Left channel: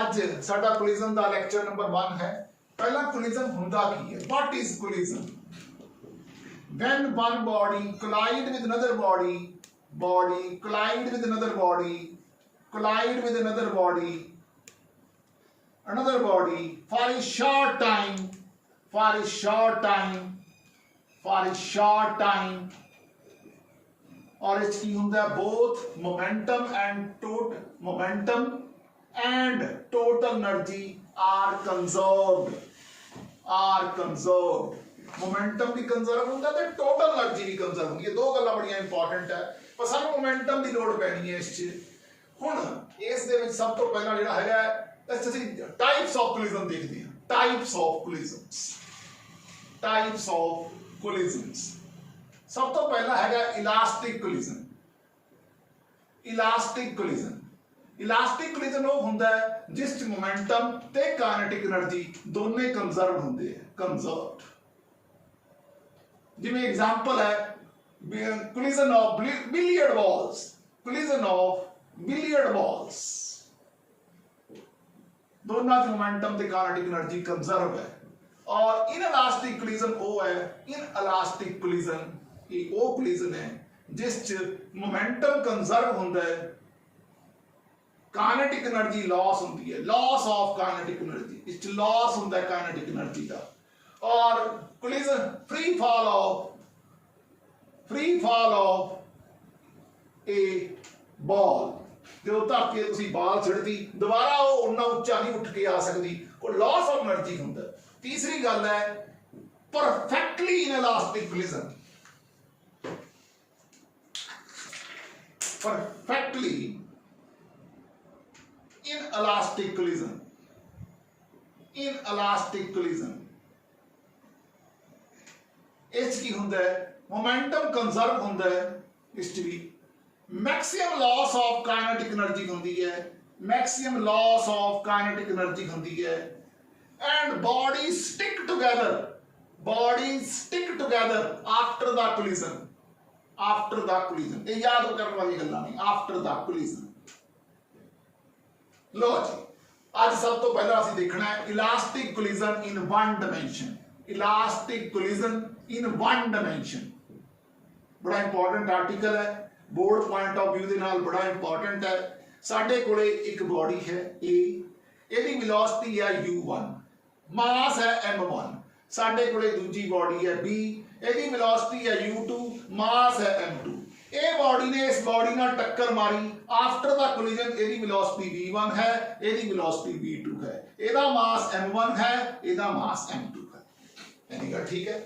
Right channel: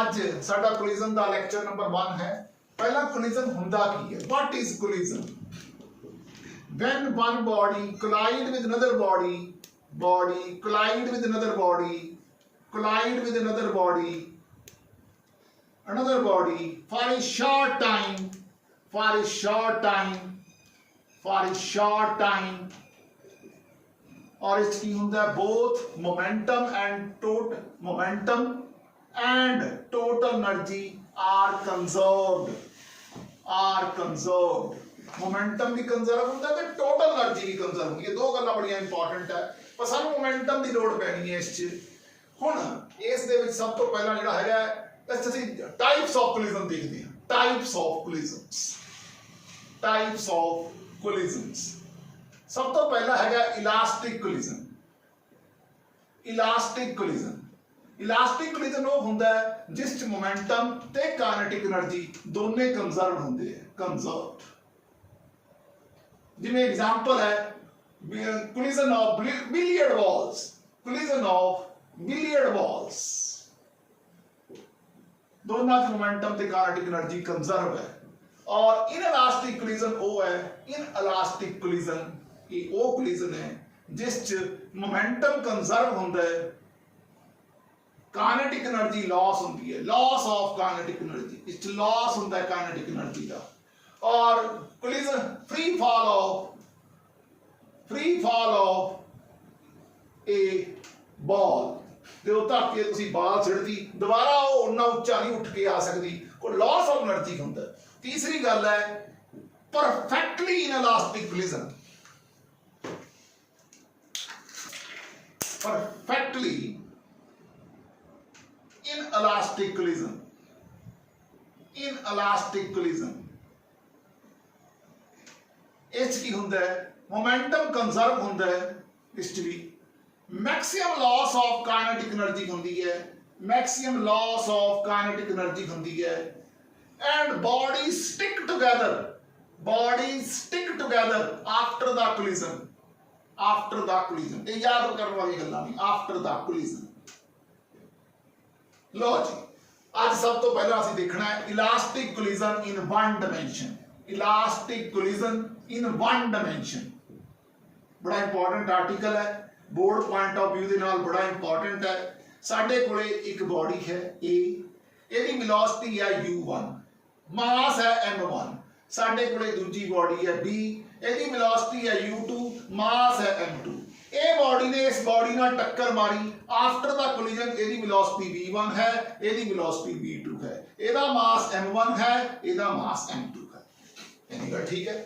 ਅੱਜ ਸਾਡਾ ਕੋਲੀजन ਦਾ lecture number 1 ਹੈ। ਪਹਿਲਾ ਕੋਲੀजन ਹੁੰਦਾ ਕੀ ਹੈ? What is collision? when one body collide with another body collide with another body for a short time और इसकी होंगे both momentum and total energy are conserved momentum भी कंजर्व होता है तो टोटल एनर्जी भी कंजर्व होगी। ये दो गल्लां बड़ियां इंपॉर्टेंट है पर सानू मोमेंटम की लोड़ पैनी है इस हुण इस दे विच सब तो पहला जिहड़ा हैगा ਅਸੀਂ टाइप्स ऑफ कोलिजन देखते हैं। टाइप्स ऑफ कोलिजन्स सब तो पहला हैगा इलास्टिक कोलिजन वो हुंदा है जिस च मोमेंटम ते काइनेटिक एनर्जी दोने कंजर्व हुंदे हैं। जिवें एग्जांपल है कोलिजन ऑफ बिलियर्ड बॉल्स दोनों च मोमेंटम ते काइनेटिक एनर्जी कंजर्व है। और इनइलास्टिक कोलिजन वो है ये वो कोलिजन है जिस च मोमेंटम कंजर्व हुंदा है, काइनेटिक एनर्जी लॉस होती है, लॉस ऑफ काइनेटिक एनर्जी, इस लॉस होता है काइनेटिक एनर्जी का। और collision free fall of A ball जो धरती तुसी बाल छिड़ती दोबारा वो उन्ना उच्चा नहीं उठ के आ सकती, वो लॉस ऑफ एनर्जी होता है। तीसरी गल है perfectly inelastic collision. Perfectly inelastic collision इस की हुंदा है मोमेंटम कंजर्व हुंदा है, इस भी maximum loss of kinetic energy होंदी है, and bodies stick together after the collision. ये याद करने वाली गल्लां नहीं, आफ्टर द कोलिजन। लो जी आज सब तो पहला असीं देखना है elastic collision in one dimension. बड़ा इंपॉर्टेंट आर्टिकल है, बोर्ड पॉइंट ऑफ व्यू दे नाल बड़ा इंपॉर्टेंट है। साडे कोले एक बॉडी है ए, इहदी वेलोसिटी है u1, मास है m1। साडे कोले दूजी बॉडी है बी, इहदी वेलोसिटी है u2, मास है m2। ए बॉडी ने इस बॉडी नाल टक्कर मारी आफ्टर द कोलिजन, इहदी वेलोसिटी v1 है, इहदी वेलोसिटी v2 है, इहदा मास m1 है, इहदा मास m2 है। यानी गल ठीक है।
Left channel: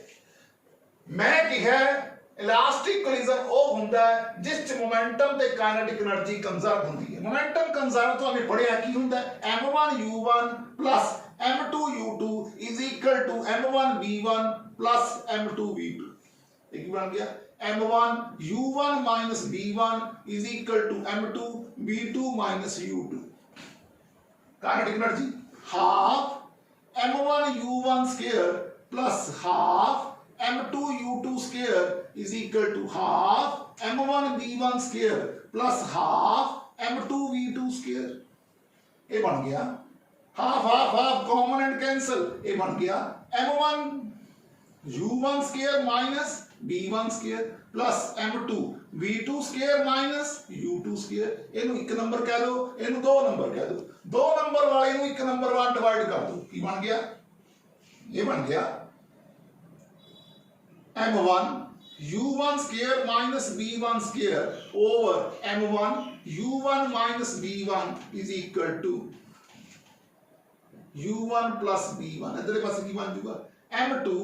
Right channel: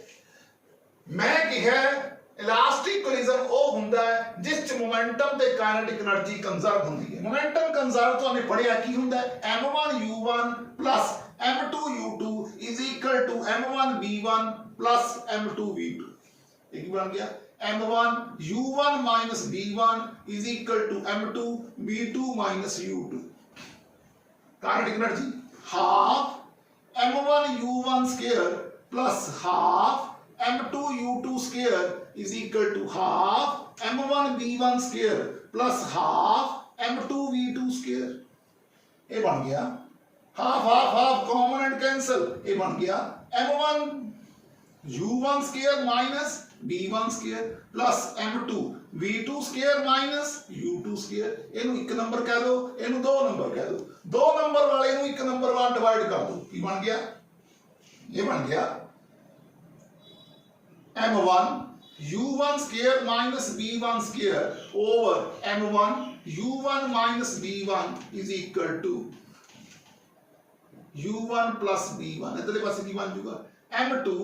मैं कहा इलास्टिक कोलिजन वो हुंदा है जिस च मोमेंटम ते काइनेटिक एनर्जी कंजर्व हुंदी है। मोमेंटम कंजर्व तो हमें पढ़िया की हुंदा है m1 u1 plus m2 u2 is equal to m1 v1 plus m2 v2। एक बन गया m1 u1 minus v1 is equal to m2 v2 minus u2। Kinetic energy half m1 u1 square plus half m2 u2 square is equal to half m1 v1 square plus half m2 v2 square। ये बन गया half common and cancel. ये बन गया m1 u1 square minus v1 square plus m2 v2 square minus u2 square। इनू एक number कह दो, इनू दो नंबर कह दो, दो नंबर वाले इनू एक नंबर वाला डिवाइड कर दो। की बन गया? ये बन गया m1 u1 square minus v1 square over m1 u1 minus v1 is equal to u1 plus v1 इधर पास की बन जाएगा m2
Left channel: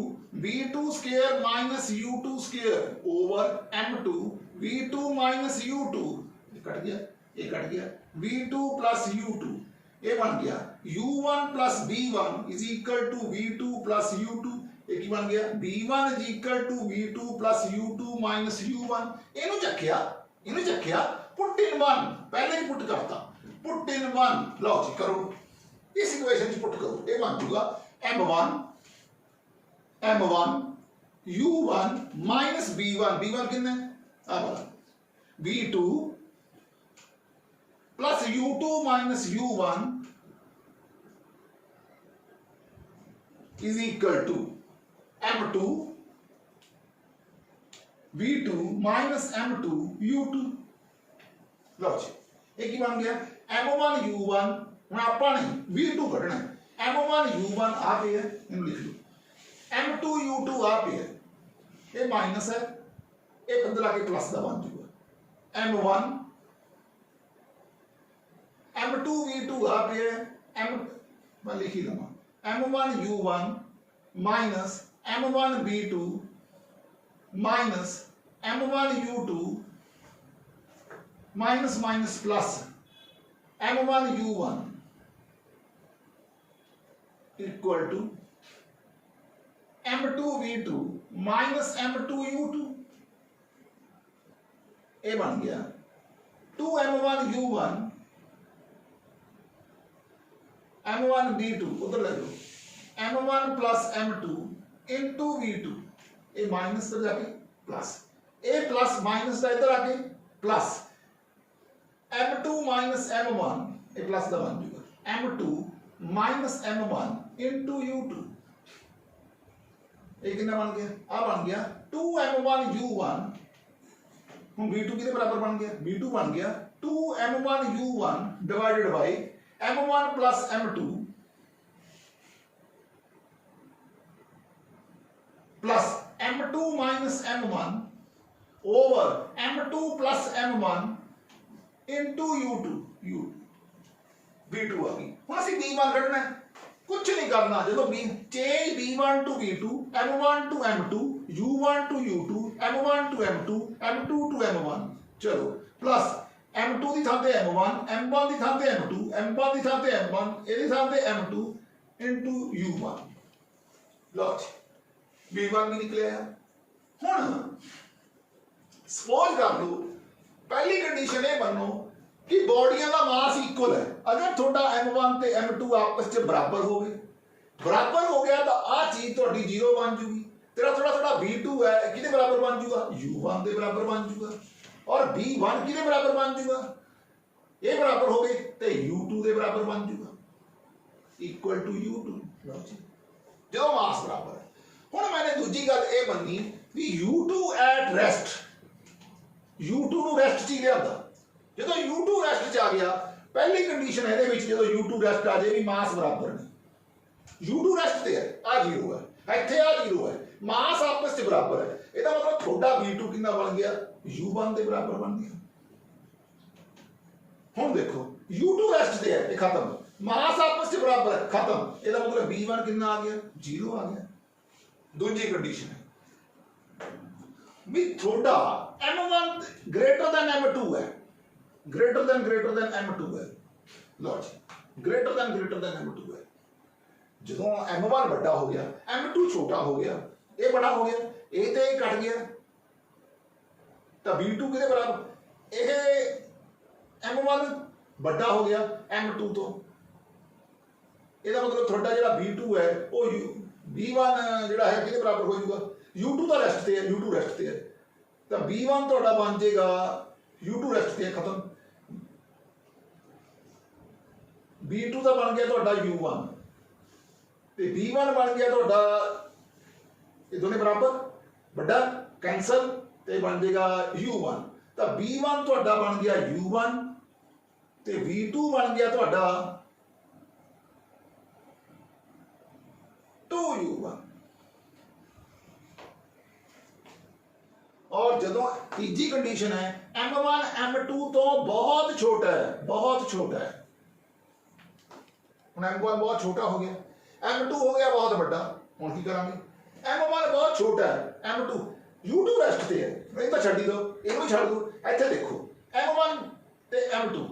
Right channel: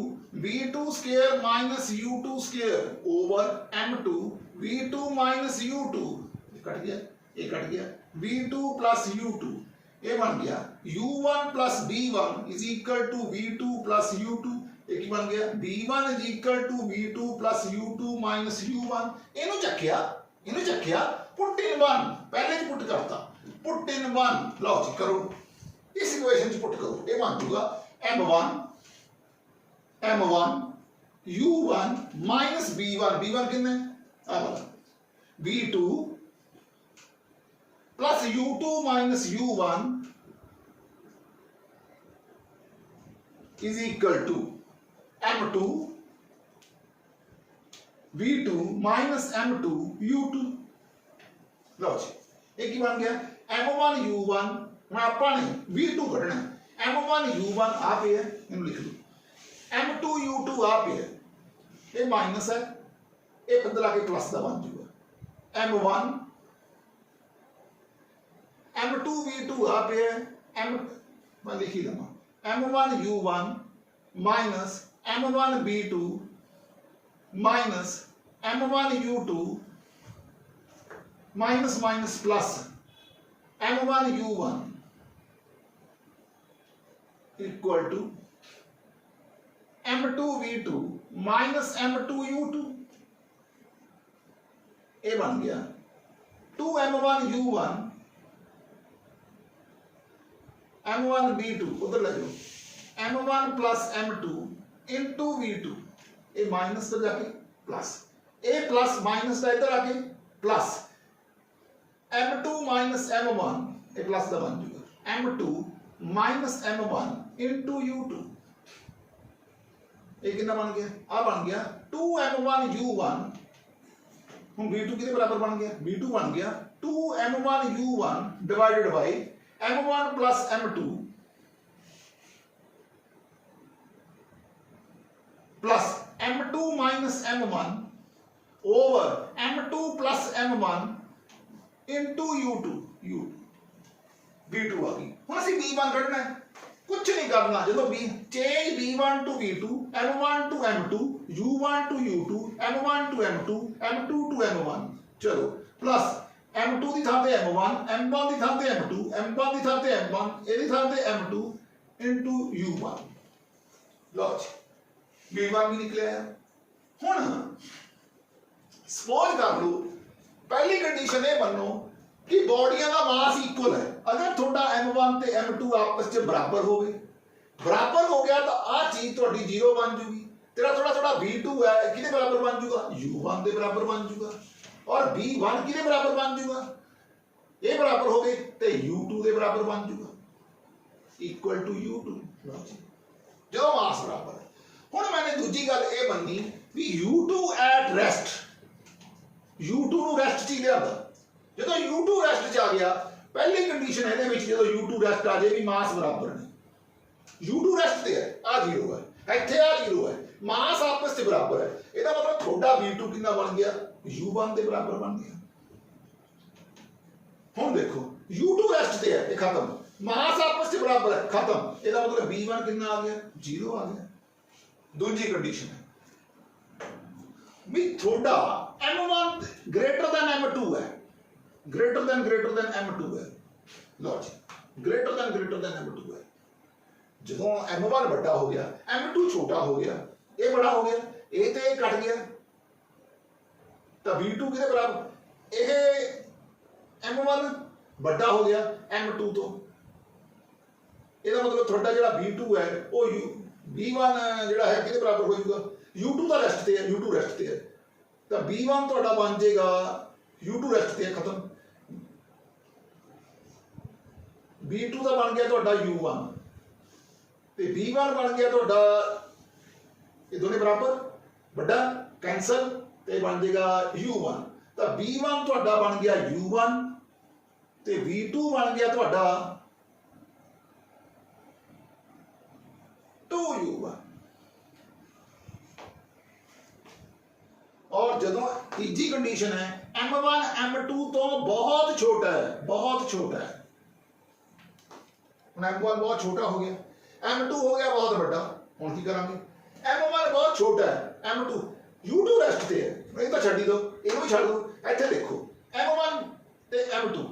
v2 square minus u2 square over m2 v2 minus u2 cut गया v2 plus u2। ये बन गया u1 plus v1 is equal to v2 plus u2। एक बन गया v1 is equal to v2 plus u2 minus u1। इनु चक्या put in 1 पहले ही put करता, पुट इन 1 लो जी करो इस इक्वेशन च पुट करो। ये बन जाएगा m1 u1 minus v1 कितने आ वाला v2 plus u2 minus u1 is equal to m2 v2 minus m2 u2। लो जी ये की बन गया m1 u1 मैं आपा नहीं v2 कढ़ना m1 u1 आ पे है इन्हें लिख लो m2 u2 आ पे है ये माइनस है ये बदला के प्लस का बन जाएगा m1 m2 v2 आ पे है m मैं लिख ही दूंगा m1 u1 minus m1 v2 minus m1 u2 minus minus plus m1 u1 equal to m2 v2 minus m2 u2। ये बन गया 2m1 u1 m1 v2 उधर ले जाओ m1 plus m2 into v2 ये माइनस पर जाके प्लस ए plus minus का इधर आके प्लस m2 माइनस m1 ये प्लस का बन जाएगा m2 minus m1 into u2। ये कितना बन गया आ बन गया 2m1 u1 हम v2 कितने बराबर बन गया v2 बन गया 2m1 u1 divided by m1 plus m2 plus m2 minus m1 over m2 plus m1 into u2 v2 आ गई हम असं v1 कढ़ना है कुछ नहीं करना जो change v1 to v2 m1 to m2 u1 to u2 m1 to m2 m2 to m1 चलो plus m2 की थां ते m1 m1 की थां ते m2 m1 की थां ते m1 ਇਹਦੀ थां ते m2 into u1 लो जी v1 भी निकलिया हुण सपोज कर लो पहली कंडीशन ये मनो कि बॉडियां का मास इक्वल है अगर थोड़ा m1 ते m2 आपस में बराबर हो गए बराबर हो गया तो आ चीज थोड़ी जीरो बन जूगी तेरा थोड़ा थोड़ा v2 है कितने बराबर बन जूगा u1 के बराबर बन जूगा और v1 कितने बराबर बन जूगा ये बराबर हो गए तो u2 के बराबर बन जूगा इक्वल टू u2 जो मास बराबर है हुण मैंने दूजी गल ये बननी भी u2 एट रेस्ट u2 ਨੂੰ ਰੈਸਟ ਚ ਲਿਆਂਦਾ ਜਦੋਂ u2 ਰੈਸਟ ਚ ਆ ਗਿਆ ਪਹਿਲੀ ਕੰਡੀਸ਼ਨ ਇਹਦੇ ਵਿੱਚ ਜਦੋਂ u2 ਰੈਸਟ ਆ ਜੇ ਵੀ ਮਾਸ ਬਰਾਬਰ ਨੇ u2 ਰੈਸਟ ਤੇ ਹੈ ਆ 0 ਹੈ ਇੱਥੇ ਆ 0 ਹੈ ਮਾਸ ਆਪਸ ਚ ਬਰਾਬਰ ਹੈ ਇਹਦਾ ਮਤਲਬ ਤੁਹਾਡਾ v2 ਕਿੰਨਾ ਬਣ ਗਿਆ u1 ਦੇ ਬਰਾबर ਬਣ ਗਿਆ ਹੁਣ ਦੇਖੋ u2 ਰੈਸਟ ਤੇ ਹੈ ਇਹ ਖਤਮ ਮਾਸ ਆਪਸ ਚ ਬਰਾबर ਹੈ ਖਤਮ ਇਹਦਾ ਮਤਲਬ v1 ਕਿੰਨਾ ਆ ਗਿਆ 0 ਆ ਗਿਆ दूसरी कंडीशन है भी थोड़ा m1 ग्रेटर देन m2 है ग्रेटर देन m2 है लो जी ग्रेटर देन m2 है जो m1 बड़ा हो गया m2 छोटा हो गया ये बड़ा हो गया ये तो कट गया तो v2 किसके बराबर ये m1 बड़ा हो गया m2 तो ਇਹਦਾ मतलब थोड़ा जो v2 है वो v1 ਜਿਹੜਾ ਹੈ ਕਿਹਦੇ ਬਰਾਬਰ ਹੋ ਜਾਊਗਾ u2 ਦਾ ਰੈਸਟ ਤੇ ਹੈ u2 ਰੈਸਟ ਤੇ ਹੈ ਤਾਂ v1 ਤੁਹਾਡਾ ਬਣ ਜਾਏਗਾ u2 ਰੈਸਟ ਤੇ ਹੈ ਖਤਮ v2 ਦਾ ਬਣ ਗਿਆ ਤੁਹਾਡਾ u1 ਤੇ v1 ਬਣ ਗਿਆ ਤੁਹਾਡਾ ਇਹ ਦੋਨੇ ਬਰਾਬਰ ਵੱਡਾ ਕੈਂਸਲ ਤੇ ਬਣ ਜਾਏਗਾ u1 ਤਾਂ v1 ਤੁਹਾਡਾ ਬਣ ਗਿਆ u1 ਤੇ v2 ਬਣ ਗਿਆ ਤੁਹਾਡਾ 2u1 और जो तीजी कंडीशन है m1 m2 तो बहुत छोटा है हम m1 बहुत छोटा हो गया m2 हो गया बहुत बड़ा हम की करांगे m1 बहुत छोटा है m2 u2 रेस्ट ते है नहीं तो छड्डी दो इहनू भी छड्ड दो इत्थे देखो m1 ते m2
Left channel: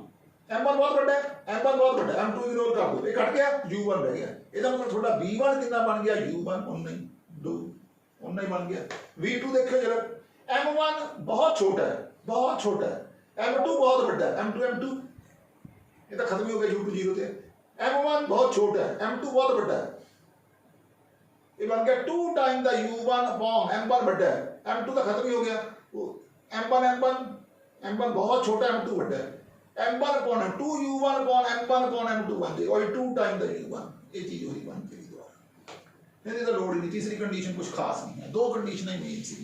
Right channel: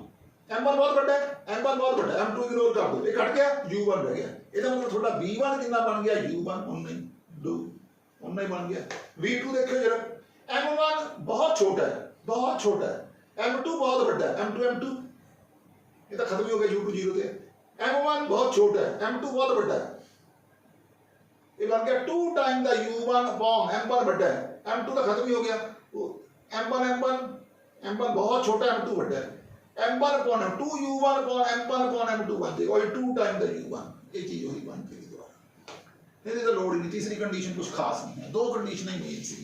m1 बहुत बड़ा है m1 बहुत बड़ा है m2 इग्नोर कर दो ये कट गया u1 रह गया ਇਹਦਾ मतलब थोड़ा v1 कितना बन गया u1 उन्ना ही बन गया v2 देखो जरा m1 बहुत छोटा है m2 बहुत बड़ा है m2 ये तो खत्म ही हो गया u2 0 थे m1 बहुत छोटा है m2 बहुत बड़ा है ये बन गया 2 time the u1 upon m1 बड़ा है m2 तो खत्म ही हो गया m1 बहुत छोटा m2 बड़ा है m1 upon 2 u1 upon m1 upon m2 बन जाएगा और 2 टाइम द u1 ये चीज वही बन गई दोबारा ਇਹਦੀ ਤਾਂ ਲੋੜ ਹੀ ਨਹੀਂ। तीसरी कंडीशन कुछ खास नहीं है, 2 कंडीशन ही मेन सी।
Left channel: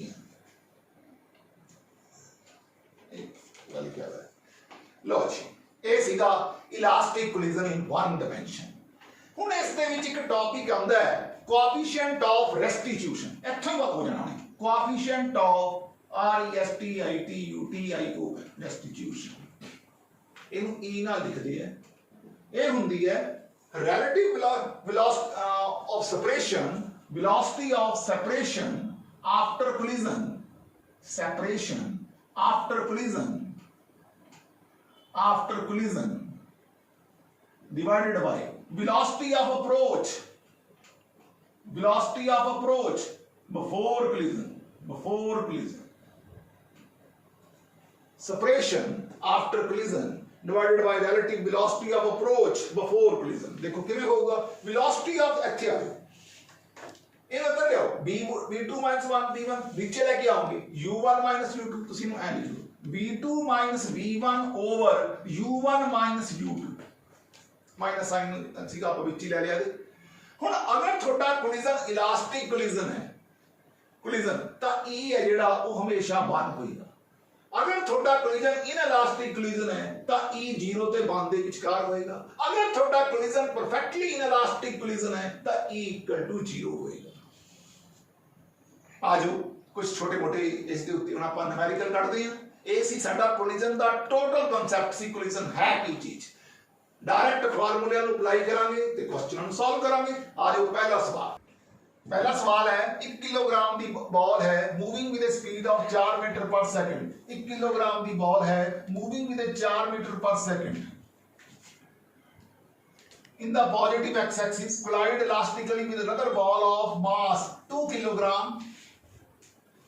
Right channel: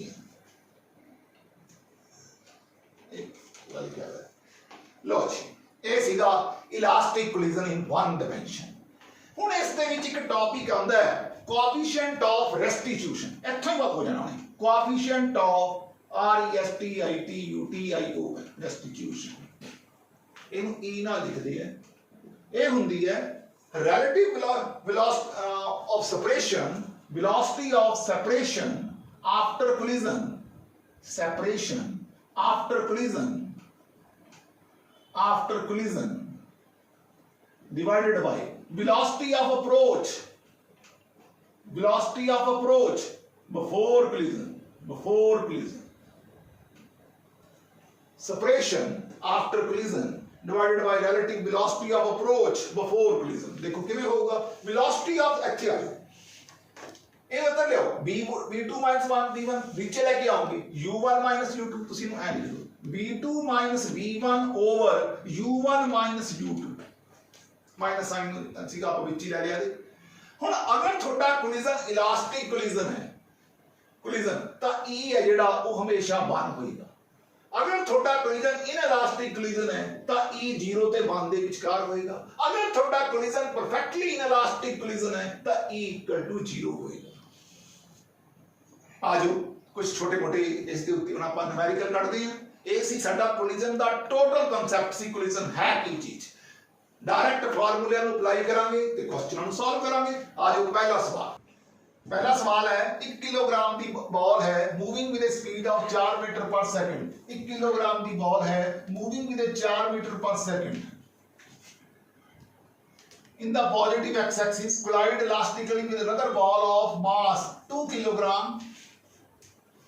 लो जी, ਇਹ ਸੀਗਾ ਇਲਾਸਟਿਕ ਕੋਲੀਜਨ ਇਨ 1 ਡਾਇਮੈਂਸ਼ਨ। ਹੁਣ ਇਸ ਦੇ ਵਿੱਚ ਇੱਕ ਟੌਪਿਕ ਆਉਂਦਾ ਹੈ ਕੋਐਫੀਸ਼ੀਐਂਟ ਆਫ ਰੈਸਟੀਟਿਊਸ਼ਨ। ਇੱਥੋਂ ਹੀ ਬਾਤ ਹੋ ਜਾਣਾ ਹੈ ਕੋਐਫੀਸ਼ੀਐਂਟ ਆਫ RESTITUTIO ਰੈਸਟੀਟਿਊਸ਼ਨ। ਇਹਨੂੰ E ਨਾਲ ਲਿਖਦੇ ਆ। ਇਹ ਹੁੰਦੀ ਹੈ relative velocity of separation after collision divided by velocity of approach before collision। separation after collision divided by relative velocity of approach before collision। देखो किवें होगा, velocity of ਇੱਥੇ ਆ ਜਾਓ, ਇਹ ਤਾਂ ਲਿਓ v2 1 v1 नीचे लेके आओगे u1 u2, ਤੁਸੀਂ ਨੂੰ ਐ ਲਿਖ ਲਓ v2 v1 over u1 u2 minus sign ਸੀਗਾ ਆਪਾਂ ਵਿੱਚ ਹੀ ਲੈ ਲਿਆ। ਹੁਣ ਅਗਰ ਤੁਹਾਡਾ ਕੋਲੀਜਨ ਇਲਾਸਟਿਕ ਕੋਲੀਜਨ ਹੈ ਤਾਂ E ਹੈ ਜਿਹੜਾ ਉਹ ਹਮੇਸ਼ਾ 1 ਹੋਏਗਾ। अगर थोड़ा कोलिजन इनइलास्टिक कोलिजन है तो E 0 ते 1 ਦੇ ਵਿਚਕਾਰ ਹੋਏਗਾ। अगर थोड़ा कोलिजन परफेक्टली इनइलास्टिक कोलिजन है तो E = 0 ਹੋਏਗਾ। आज कुछ छोटे मोटे इसके उत्ते ਹੁਣ ਆਪਾਂ ਨੂਮੈਰੀਕਲ ਕੱਢਦੇ ਹਾਂ। ਇਹ ਸੀ ਸਾਡਾ ਕੋਲਿਜਨ ਦਾ ਟੋਟਲ ਕਨਸੈਪਟ ਸੀ ਕੋਲਿਜਨ ਹੈ ਕੀ ਚੀਜ਼। डायरेक्ट फार्मूले ਨੂੰ ਅਪਲਾਈ ਕਰਾਂਗੇ ਤੇ ਕੁਐਸਚਨ ਨੂੰ ਸੋਲਵ ਕਰਾਂਗੇ। आज पहला सवाल है 1 किलोग्राम की बॉल है moving with speed of 4 metre पर सेकंड। 1 किलोग्राम की बॉल है मूविंग विद 4 मीटर पर second in the positive x axis collide elastically with another ball of mass 2 kilogram।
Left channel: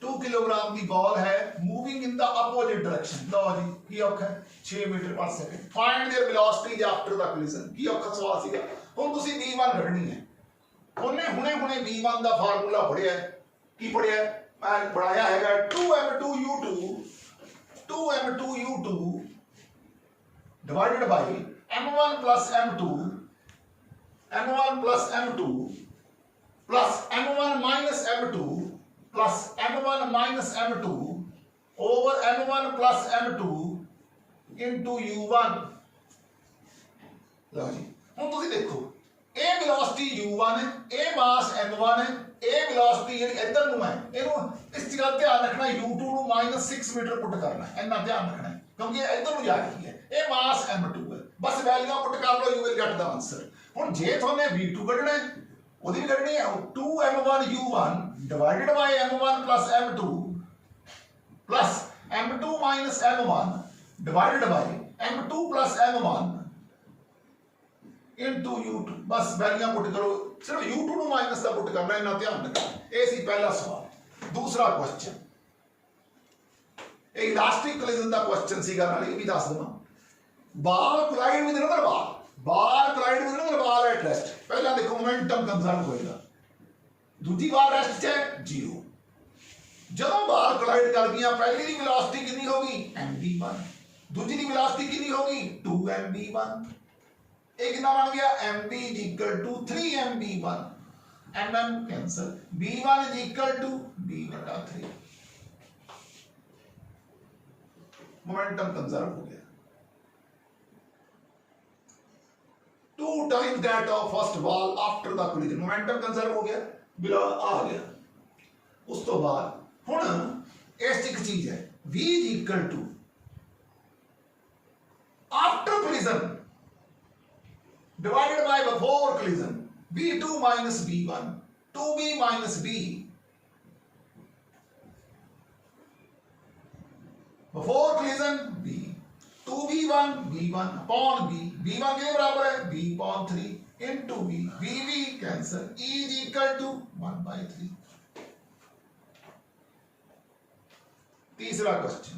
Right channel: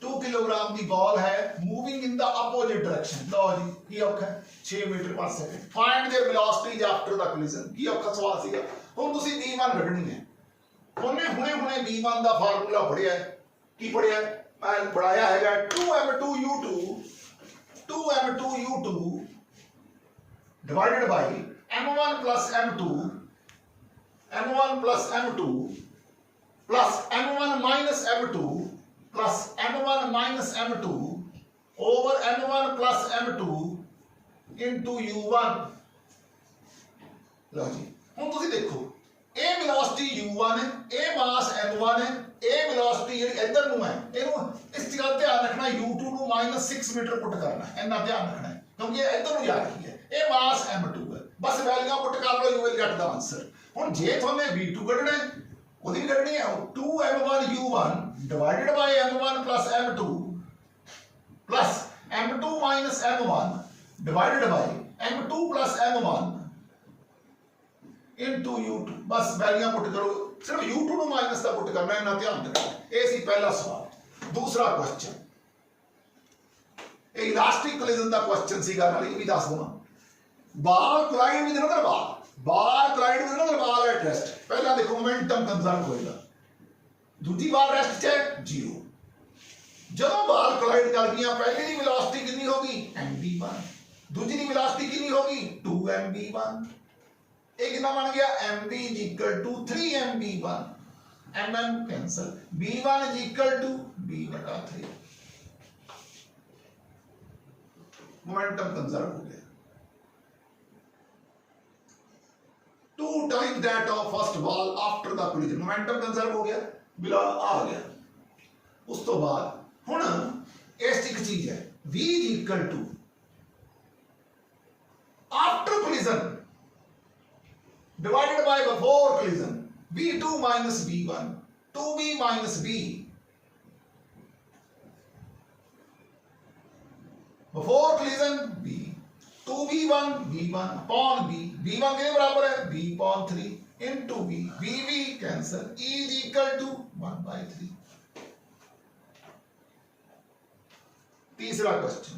2 kilogram की बॉल है moving in the opposite direction. लो जी की औखा 6 मीटर पर second. Find their velocity after the collision. की औखा सवाल सीगा। हुण तुसीं v1 कढनी है। ਉਹਨੇ ਹੁਣੇ v1 ਦਾ ਫਾਰਮੂਲਾ ਪੜਿਆ। ਕੀ ਪੜਿਆ? ਮੈਂ ਬਣਾਇਆ ਹੈਗਾ 2m2u2 divided by m1 plus m2 plus m1 minus m2 plus m1 minus m2 over m1 plus m2 into u1। ਲਓ ਜੀ ਹੁਣ ਤੁਸੀਂ ਦੇਖੋ ਇਹ ਵੈਲੋਸਿਟੀ u1 ਹੈ, ਇਹ ਮਾਸ m1 ਹੈ, ਇਹ ਵੈਲੋਸਿਟੀ ਜਿਹੜੀ ਇੱਧਰ ਨੂੰ ਹੈ ਇਹਨੂੰ ਇਸ ਜਗ੍ਹਾ ਧਿਆਨ ਰੱਖਣਾ u2 ਨੂੰ -6 ਮੀਟਰ ਪੁੱਟ ਕਰਨਾ ਹੈ। ਇੰਨਾ ਧਿਆਨ ਰੱਖਣਾ ਹੈ ਕਿਉਂਕਿ ਇਹ ਇੱਧਰ ਨੂੰ ਜਾ ਰਹੀ ਹੈ। ਇਹ ਮਾਸ m2 ਹੈ। ਬਸ ਵੈਲਿਊਆਂ ਪੁੱਟ ਕਰ ਲਓ, you will get the answer। ਹੁਣ ਜੇ ਤੁਹਾਨੂੰ v2 ਕੱਢਣਾ ਹੈ ਉਹਦੀ ਵੀ ਕੱਢਣੀ ਹੈ 2m1 u1 divided by m1 plus m2 plus m2 minus m1 divided by m2 plus m1 into u2। बस वैल्यूआं पुट करो, सिर्फ u2 ਨੂੰ माइनस ਦਾ पुट करना है, इन्ना ध्यान रखना। ये सी पहला सवाल। दूसरा क्वेश्चन ਇਹ ਇਲਾਸਟਿਕ ਕੋਲਿਜਨ ਦਾ क्वेश्चन ਸੀਗਾ, ਨਾਲ ਇਹ ਵੀ ਦੱਸ ਦਵਾਂ। Ball collide with another ball at rest. ਪਹਿਲਾਂ ਦੇਖੋ ਮੋਮੈਂਟਮ ਕੰਜ਼ਰਵ ਹੋਏਗਾ, ਦੂਜੀ ਬਾਲ ਰੈਸਟ 'ਚ ਹੈ 0। ਜਦੋਂ ਬਾਲ ਕੋਲਾਈਡ ਕਰ ਗਈਆਂ ਪਹਿਲੀ ਦੀ ਵੈਲੋਸਿਟੀ ਕਿੰਨੀ ਹੋਗੀ mv1, ਦੂਜੀ ਦੀ ਵੈਲੋਸਿਟੀ ਕਿੰਨੀ ਹੋਗੀ 2mv1। एक कितना बन गया mv is equal to 3mv1, mm cancel, v1 is equal to v/3। Momentum conserve हो गया 2 times that of first ball after the collision। Momentum conserve हो गया, बिला आ गया। उस तो बाद हुण इस एक चीज है v is equal to after collision divided by before collision v2 minus v1 2b minus b before collision b 2v1 v1 upon b v1 के बराबर है b upon 3 into b v cancel e is equal to 1/3। तीसरा question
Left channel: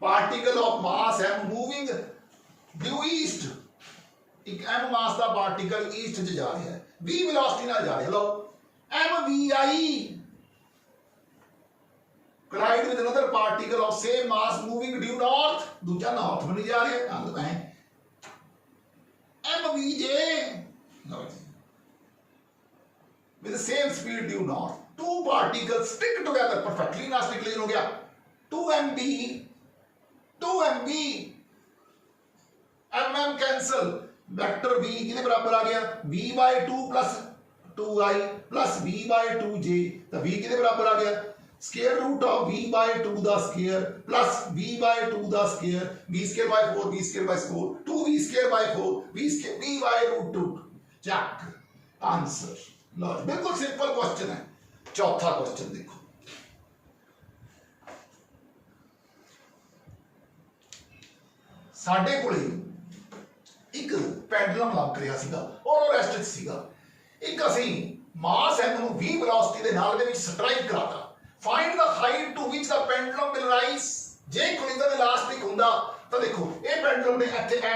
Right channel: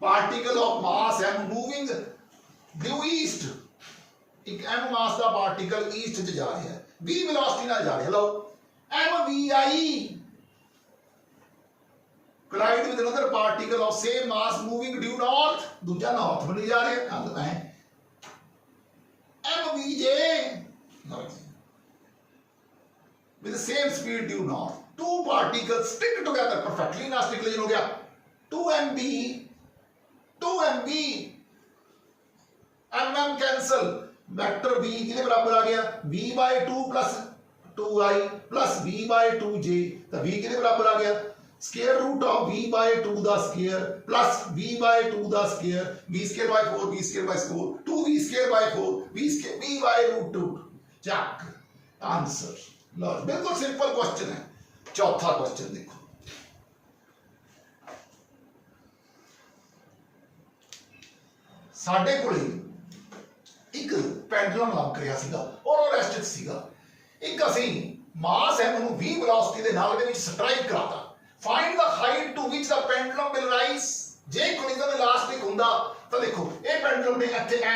particle of mass m moving due east. एक m मास का particle east च जा रहा है, v वेलोसिटी नाल जा रहा है। लो mvi collide with another particle of same mass moving due north। दूसरा नॉर्थ बनी जा रहा है, mvj with the same speed due north. Two particles stick together perfectly. ना stick लेकिन हो गया 2mb, 2mb, mm cancel. Vector v कितने बराबर आ गया v/2 plus 2i plus v/2j, तो v कितने बराबर आ गया square root of v/2 the square plus v/2 the square, v square by 4, v square by 4, 2v square by 4, v square v/√2. Check answer. लो बिल्कुल सिंपल क्वेश्चन है। चौथा question देखो, साडे कोले एक पेंडुलम लग ਰਿਹਾ ਸੀਗਾ ਔਰ ਉਹ ਰੈਸਟ 'ਚ ਸੀਗਾ। ਇੱਕ ਅਸੀਂ ਮਾਸ m ਨੂੰ v ਵੈਲੋਸਿਟੀ ਦੇ ਨਾਲ ਦੇ ਵਿੱਚ ਸਟ੍ਰਾਈਕ ਕਰਾਤਾ। Find the height to which the pendulum will rise. जे कोलिजन इलास्टिक ਹੁੰਦਾ ਤਾਂ ਦੇਖੋ ਇਹ पेंडुलम ने ਇੱਥੇ ਐ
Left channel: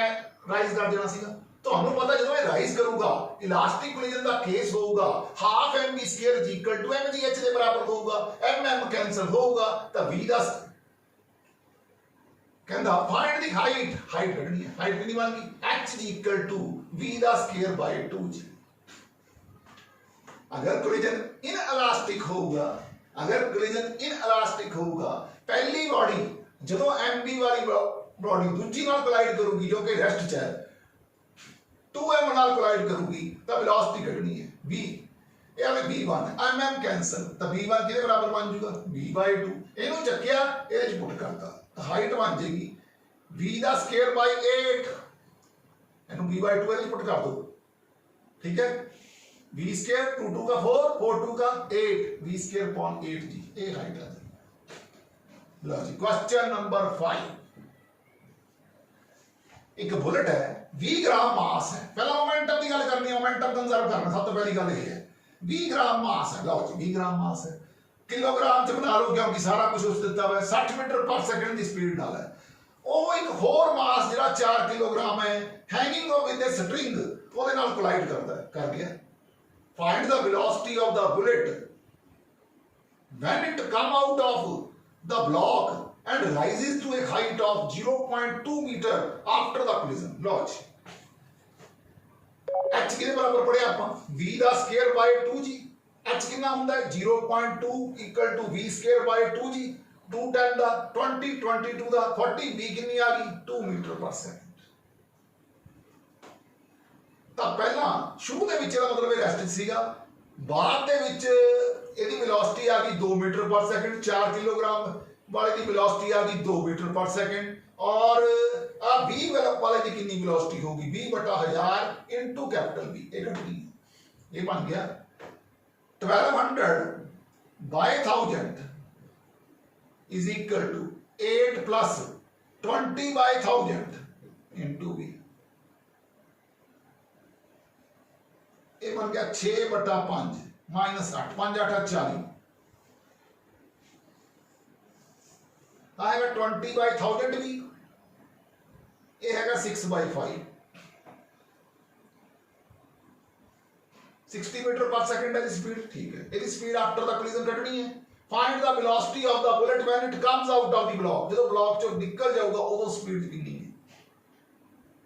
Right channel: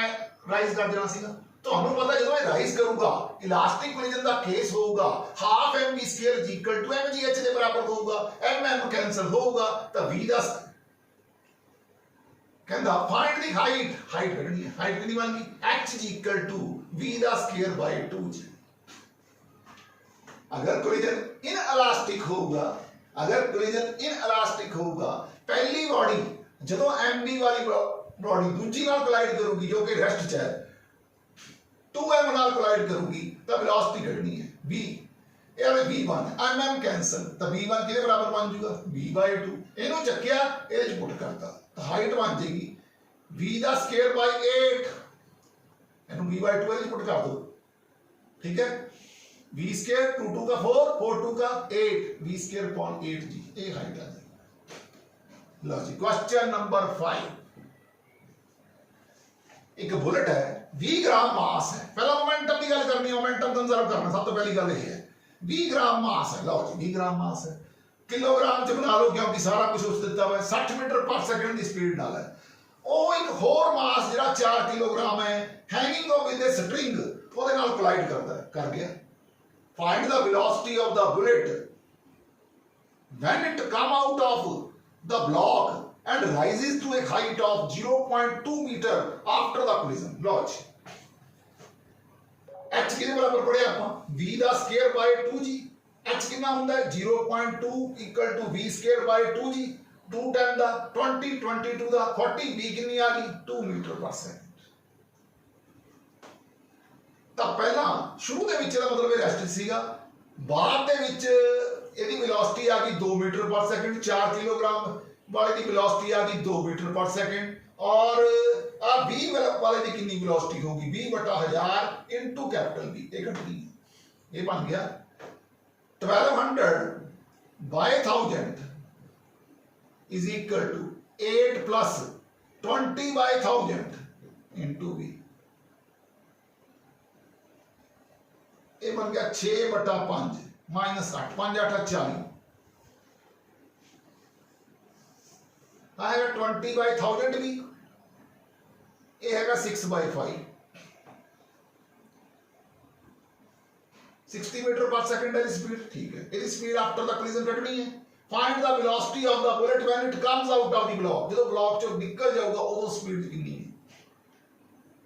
ਰਾਈਜ਼ ਕਰ ਦੇਣਾ ਸੀਗਾ। ਤੁਹਾਨੂੰ ਪਤਾ ਜਦੋਂ ਇਹ ਰਾਈਜ਼ ਕਰੂਗਾ ਇਲਾਸਟਿਕ ਕੋਲਿਜਨ ਦਾ ਕੇਸ ਹੋਊਗਾ half mv square is equal to mgh ਦੇ ਬਰਾਬਰ ਹੋਊਗਾ, mm ਕੈਨਸਲ ਹੋਊਗਾ ਤਾਂ v ਦਾ ਕਹਿੰਦਾ फाइंड द हाइट ਕੱਢਣੀ ਹੈ। ਹਾਈਟ ਕਿੰਨੀ ਬਣ ਗਈ h is equal to v ਦਾ ਸਕੁਅਰ by 2g। अगर कोलिजन इनइलास्टिक होगा, अगर कोलिजन इनइलास्टिक होगा पहली बॉडी ਜਦੋਂ mb वाली बॉडी दूसरी ਨਾਲ कोलाइड करूगी जो कि रेस्ट च है 2m ਨਾਲ कोलाइड करूगी तो वेलोसिटी ਕੱਢਣੀ है v, ਇਹ ਆਵੇ v1 mm कैंसिल तो v1 ਕਿਹਦੇ ਬਰਾਬਰ ਬਣ ਜਾਊਗਾ v/2। ਇਹਨੂੰ ਚੱਕਿਆ ਇਹਦੇ ਚ ਪੁੱਟ ਕਰਤਾ ਤਾਂ ਹਾਈਟ ਬਣ ਜਾਏਗੀ v ਦਾ ਸਕੁਅਰ ਬਾਈ 8, ਇਹਨੂੰ v/2 ਇਹਦੇ ਚ ਪੁੱਟ ਕਰ ਦੋ। ठीक है, v स्क्वायर 2 2 का 4, 4 2 का 8, v स्क्वायर अपॉन 8g, ये हाइट आ जाएगी। लो जी क्वेश्चन नंबर 5। एक बुलेट है 20 ग्राम मास है। पहला मोमेंटम की गल करनी, मोमेंटम कंजर्व करना, सब तो पहली गल ये है 20 ग्राम मास है। लो जी 20 ग्राम मास है, किलोग्राम च बना लो क्योंकि सारा कुछ उस दिता हुआ है। 60 मीटर पर सेकंड की स्पीड नाल है। ਉਹ ਇੱਕ ਹੋਰ ਮਾਸ ਜਿਹੜਾ 4 किलोग्राम है हैंगिंग विद ए स्ट्रिंग ਉਹਦੇ ਨਾਲ ਕੋਲਾਈਡ ਕਰਦਾ ਹੈ, कर गया। Find the velocity of the bullet when it come out of the block and rises to a height of 0.2 meter after the collision. Lodge h कितने बराबर पढ़े ਆਪਾਂ v ਦਾ ਸਕੁਅਰ ਬਾਈ 2g। h कितना ਹੁੰਦਾ है 0.2 equal to v square by 2g। 2 10 ਦਾ 20, 22 ਦਾ 40, v कितनी आ गई 2 मीटर पर सेकंड। ਤਾਂ ਪਹਿਲਾਂ ਸ਼ੁਰੂ ਦੇ ਵਿੱਚ ਇਹਦਾ ਮਤਲਬ ਇਹ ਰੈਸਟ ਸੀਗਾ, ਬਾਅਦ ਦੇ ਵਿੱਚ ਇਹਦੀ ਵੈਲੋਸਿਟੀ ਆ ਗਈ 2 मीटर पर सेकंड। 4 किलोग्राम वाले की वेलोसिटी आ गई 2 मीटर पर सेकंड और आ 20 वाले की कितनी वेलोसिटी होगी 20/1000 इनटू कैपिटल V। ये कट गई, ये बन गया 1200 by 1000 is equal to 8 plus 20/1000 into V। ये बन गया 6/5 माइनस 8, 5 8 40 आएगा 20/1000 भी। ये है 6/5 60 मीटर पर सेकंड है स्पीड। ठीक है, ये स्पीड आफ्टर द कोलिजन कटनी है। Find the velocity of the bullet when it comes out of the block. जो ब्लॉक चो निकल जाऊगा उदो स्पीड कितनी है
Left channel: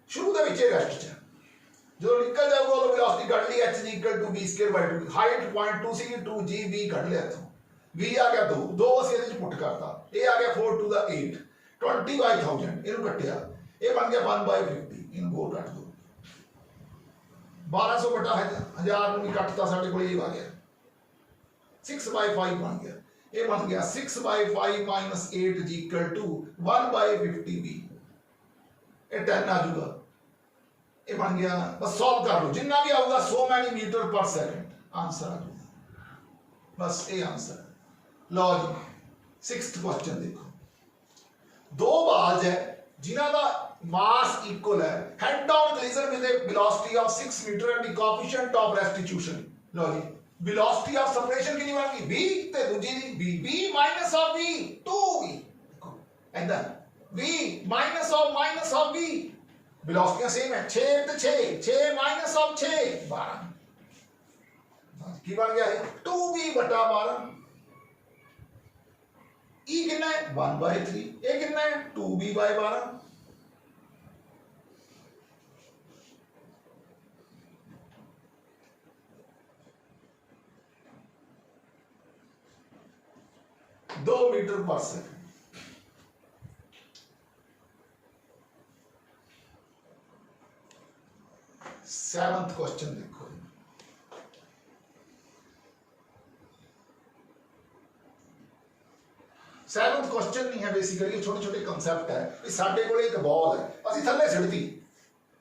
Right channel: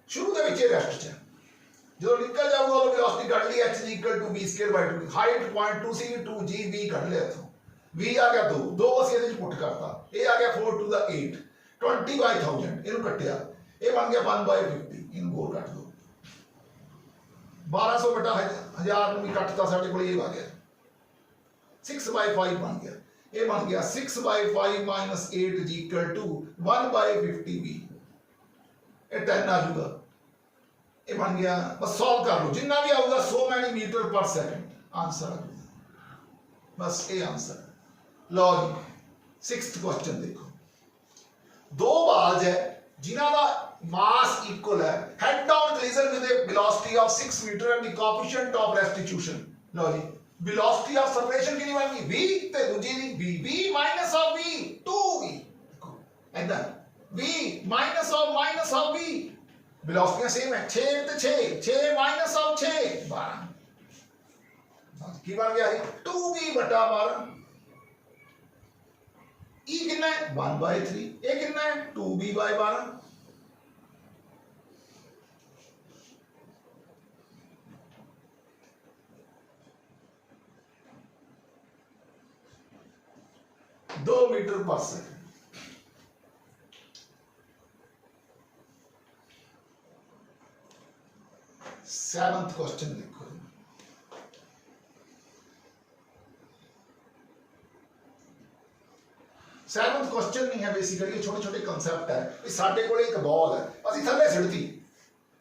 शुरू दे विच रेस्ट च, जो निकल जाऊगा उदो वेलोसिटी कट ली h equal to v square by 2। Height 0.2 सी 2g v कट लिया इथों, v आ गया 2 ਅਸੀਂ ਇਹਦੇ ਚ ਪੁੱਟ ਕਰਤਾ। ਇਹ ਆ ਗਿਆ 4 to the 8 20/1000 ਇਹਨੂੰ ਕੱਟਿਆ, ਇਹ ਬਣ ਗਿਆ 1/50। ਇਹਨੂੰ ਹੋਰ ਕੱਟ ਦੋ 1200/1000 ਨੂੰ ਵੀ ਕੱਟਤਾ, ਸਾਡੇ ਕੋਲ ਇਹ ਆ ਗਿਆ 6/5 ਬਣ ਗਿਆ। ਇਹ ਬਣ ਗਿਆ 6/5 minus 8 is equal to 1/50 v। ਇਹ 10 आ जाऊगा, ये बन गया। बस सॉल्व कर लो, जितना भी आऊगा 100 मैनी मीटर पर सेकंड आंसर आ जाएगा। बस ये आंसर है। लो जी 6th क्वेश्चन देखो, दो बाल्स है जिन्हां दा मास इक्वल है, head on collision with a velocity of 6 metre and the coefficient of restitution. लो जी वेलोसिटी ऑफ सेपरेशन कितनी बन गई v ते दूजी दी v minus of v 2v। देखो इधर v minus of v velocity same है 6 ते 6 माइनस ऑफ 6 12 की बन गया है 2v/12। ई कितना है 1/3, ये कितना है 2v/12। 2 मीटर पर सेकंड। सेवंथ क्वेश्चन देखो, सेवंथ क्वेश्चन नहीं है, बेसिकली छोटे छोटे कंसेप्ट है कि साडे कोले एक बॉल है, ਅਸੀਂ ਥੱਲੇ ਸਿੱਟਤੀ,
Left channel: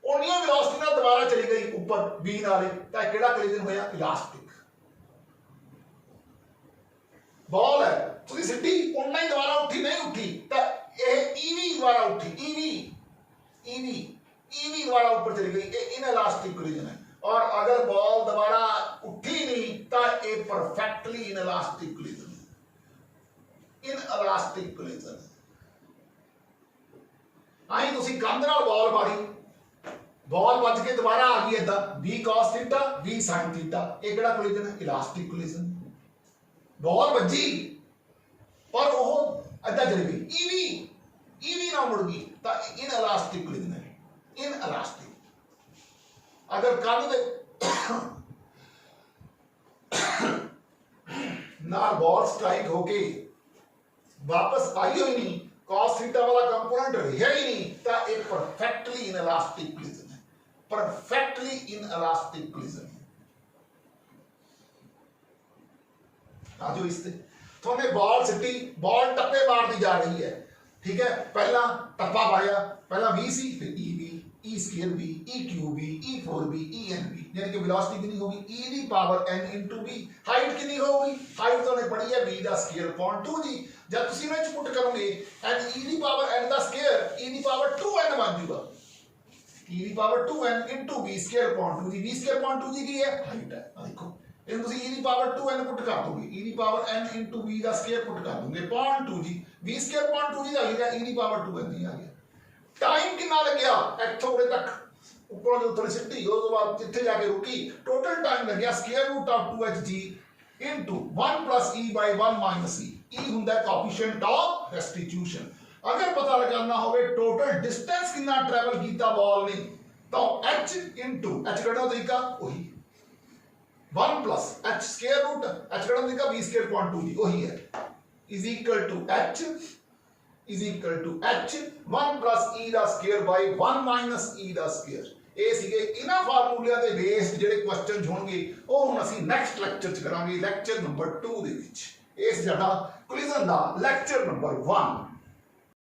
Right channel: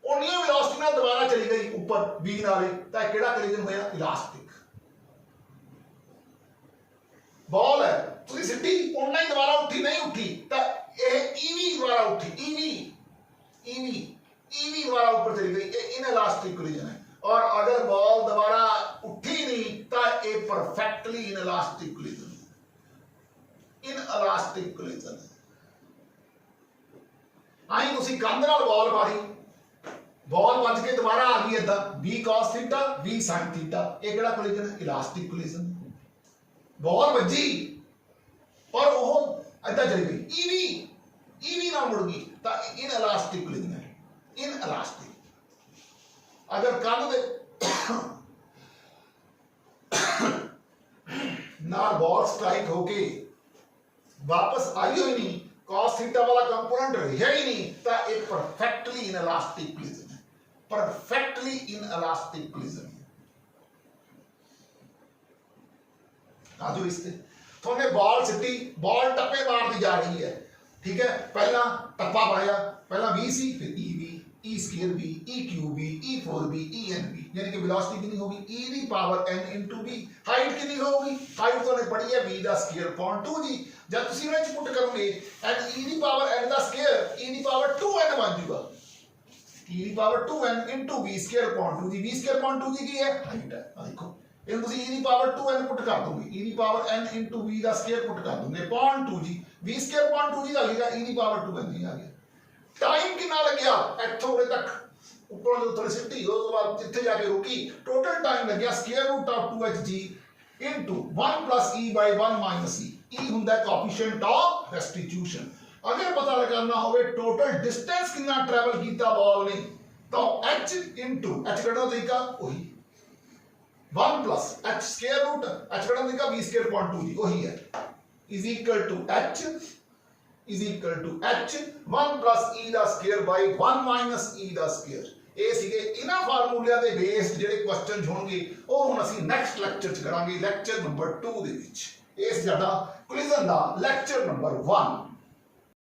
उन्नी वेलोसिटी ਨਾਲ दोबारा चली गई ऊपर v नाले, ਤਾਂ ਕਿਹੜਾ ਕੋਲੀजन ਹੋਇਆ? इलास्टिक। बॉल है ਤੁਸੀਂ ਸਿੱਟੀ, उन्ना ही दोबारा उठी, नहीं उठी ਤਾਂ ਇਹ ev दोबारा उठी, ev दोबारा ऊपर चली गई, ये इनइलास्टिक कोलिजन है। और अगर बॉल दोबारा उठी नहीं तो ये perfectly inelastic collision, inelastic collision. आई तुसी कंध नाल बॉल मारी, बॉल बज के दोबारा आ गई इदा, v cos theta v sin theta, ये केड़ा कोलिजन है? Elastic collision. बॉल बजी और वो इदा चली गई, ev ना मुड़ गई तो इनइलास्टिक कोलिजन है, इनइलास्टिक। अगर कंध दे नाल बॉल स्ट्राइक होके वापस आई ही नहीं, cos थीटा वाला कंपोनेंट रहा ही नहीं, तो ये परफेक्टली इनइलास्टिक कोलिजन है, परफेक्टली इनइलास्टिक कोलिजन है। आजो इससे थोने बॉल सिटी, बॉल टप्पे मारती जा रही है, ठीक है, पहला टप्पा पाया, पहला v सी, फिर e square v, e cube v, e 4v, e n v, यानी कि वेलोसिटी कितनी होगी? e the power n into v। Height कितनी होगी? हाइट तो ने पढ़ी है v दा स्क्वायर अपॉन 2g। जब तुसी में पुट करोगे n e the power n दा square, e the power 2n बन जाएगा, e the power 2n into v square upon 2g। v square upon 2g की है? हाइट है। आ देखो इन तुसी e the power 2n put कर दोगे, e the power n into v दा स्क्वायर पुट कर दोगे upon 2g, v square upon 2g आ गया, e दी पावर 2n नहीं आ गया। टाइम कितना लग गया? इत्थों उरे तक ऊपर जो उतर सिटी, उस बाद जिथे जाके रुकी, टोटल टाइम लग गया square root of 2hg into 1 plus e by 1 minus e। e हुंदा है कोएफिशिएंट ऑफ रेस्टिट्यूशन। अगर पता लगाना होवे टोटल डिस्टेंस कितना ट्रैवल कीता बॉल ने, तो h इनटू h कटो तरीका वही 1 plus h square root h कटो तरीका v स्क्वायर अपॉन 2g वही है, is equal to h is equal to h 1 plus e ਦਾ ਸਕੁਅਰ by 1 minus e ਦਾ ਸਕੁਅਰ। ਇਹ ਸੀਗੇ ਇਹਨਾਂ ਫਾਰਮੂਲਿਆਂ ਦੇ ਬੇਸ ਜਿਹੜੇ ਕੁਐਸਚਨ ਹੋਣਗੇ, ਉਹ ਹੁਣ ਅਸੀਂ ਨੈਕਸਟ ਲੈਕਚਰ ਚ ਕਰਾਂਗੇ, ਲੈਕਚਰ ਨੰਬਰ 2 ਦੇ ਵਿੱਚ। ਇਹ ਸੀ ਸਾਡਾ ਕੋਲਿਜਨ ਦਾ ਲੈਕਚਰ ਨੰਬਰ 1।